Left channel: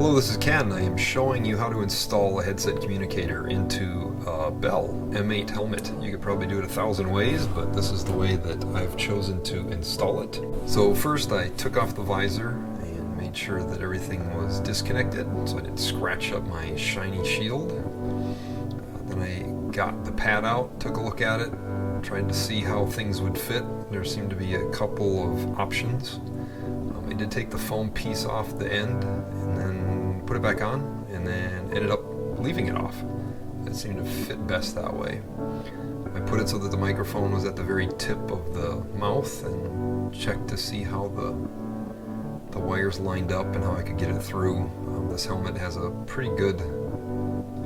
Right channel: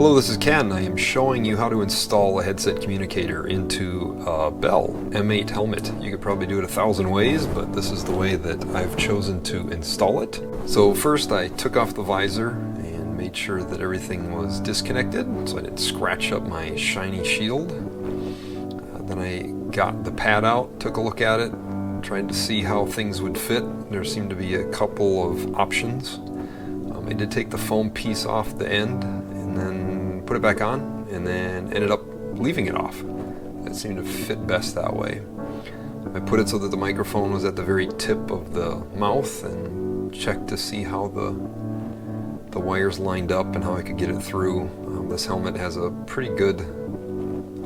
Hello, this is Ken. I am showing you how to install a headset communicator into a Bell M8 helmet. You could probably do it 1,000 ways, but this is the way that I've chosen to install it. So first I took off the visor and made sure that everything was disconnected so I didn't scratch up my shiny shield. Then I got the pad out, took a look at it, tried to see how things would fit. There seemed to be a couple of options. I did take the foam piece off the end and then put it back on, and then ended up leaving it off. It seemed to fit best that way. I put it so that the microphone was at the very tip of the mouth and checked to see how the wires lined up and how I could get it through. This helmet has a pretty good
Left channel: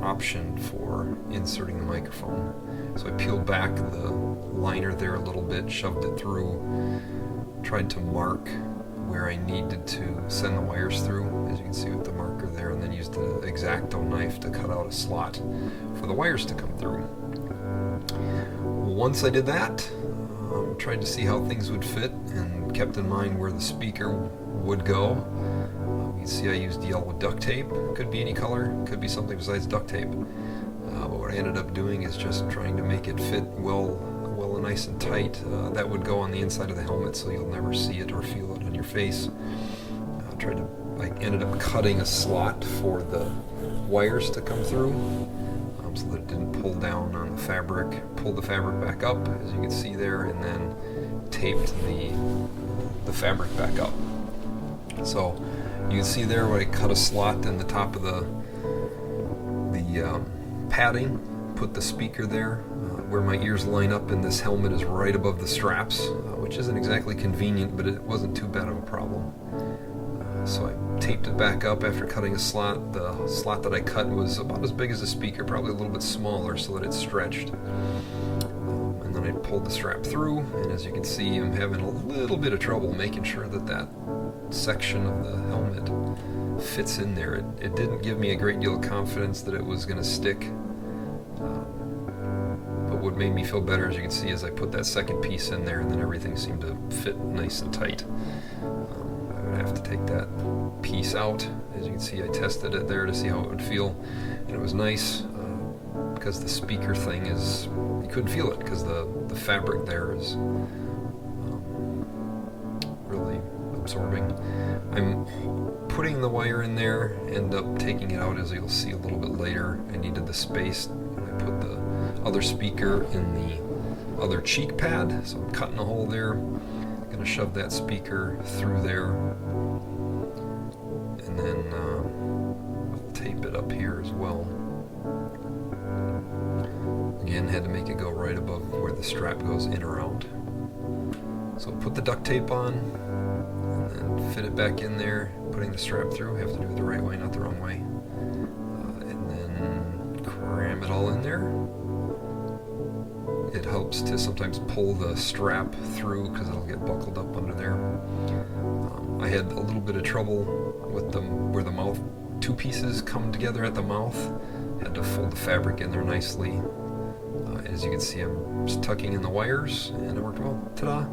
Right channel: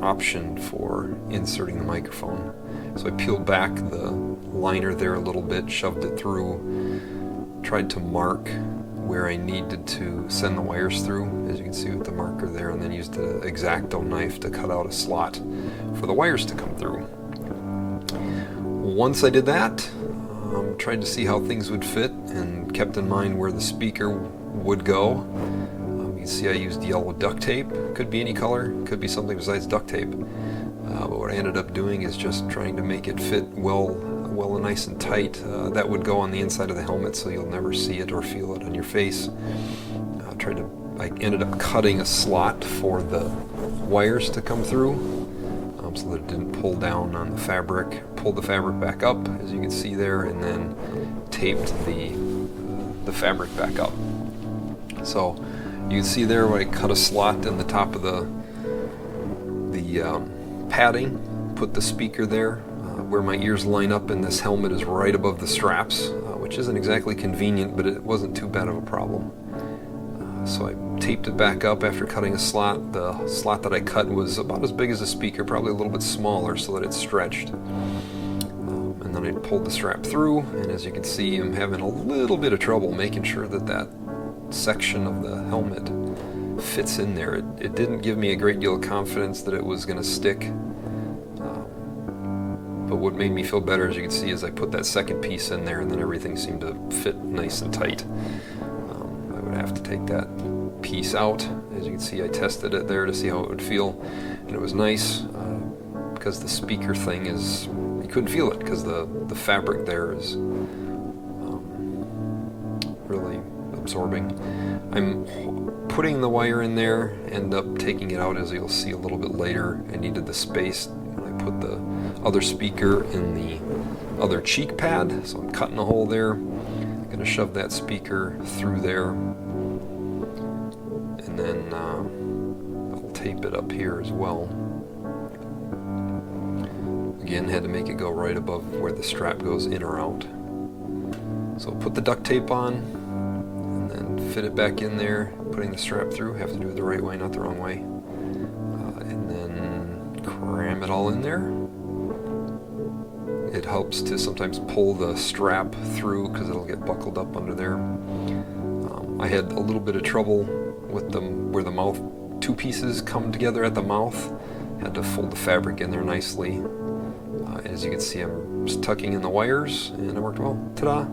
option for inserting the microphone. So I peeled back the liner there a little bit, shoved it through, tried to mark where I needed to send the wires through, as you can see with the marker there, and then used an X-Acto knife to cut out a slot for the wires to come through. Once I did that, tried to see how things would fit and kept in mind where the speaker would go. You can see I used yellow duct tape. Could be any color, could be something besides duct tape. But what I ended up doing is just trying to make it fit well and nice and tight. That would go on the inside of the helmet so you'll never see it or feel it on your face. I ended up cutting a slot for the wires to come through so that it didn't pull down on the fabric. Pulled the fabric back up, as you can see there, and then taped the fabric back up. So you can see there where I cut a slot in the top of the padding, put the speaker there. Where my ears line up in this helmet is right above the straps, which isn't exactly convenient, but it wasn't too bad of a problem. So I taped it back up after cutting a slot. The slot that I cut was about as big as a speaker, probably a little bit smaller so that it stretched. And then I pulled the strap through, and as you can see, I'm having a little bit of trouble making sure that that section of the helmet fits in there. It didn't give me a great deal of confidence that it was going to stick. But what made me feel better, as you can see, is I put that second piece in there and then everything seemed to fit nice and tight. I would have to take that piece out. As you can see, I tested it there to see how it would feel, and it was nice because the speaker thing is, you couldn't feel it because the fabric there is really absorbing. I'm putting the wire in there, end up taking it out, as you'll see a little bit later. I needed the space. I put the other speaker in the other cheek pad, so I'm cutting a hole there. I'm going to shove that speaker through there, and then I'll tape it up here as well. Again, had to make it go right above where the strap goes in or out. So put the duct tape on, and then fit it back in there, putting the strap through. Have to do it the right way, not the wrong way. And then cram it all in there. It helps to sometimes pull the strap through because it'll get buckled up under there. I had a little bit of trouble with where the mouth, two pieces come together at the mouth. Had to fold the fabric in there nicely. As you can see, I'm just tucking in the wires, and it worked well. Ta-da!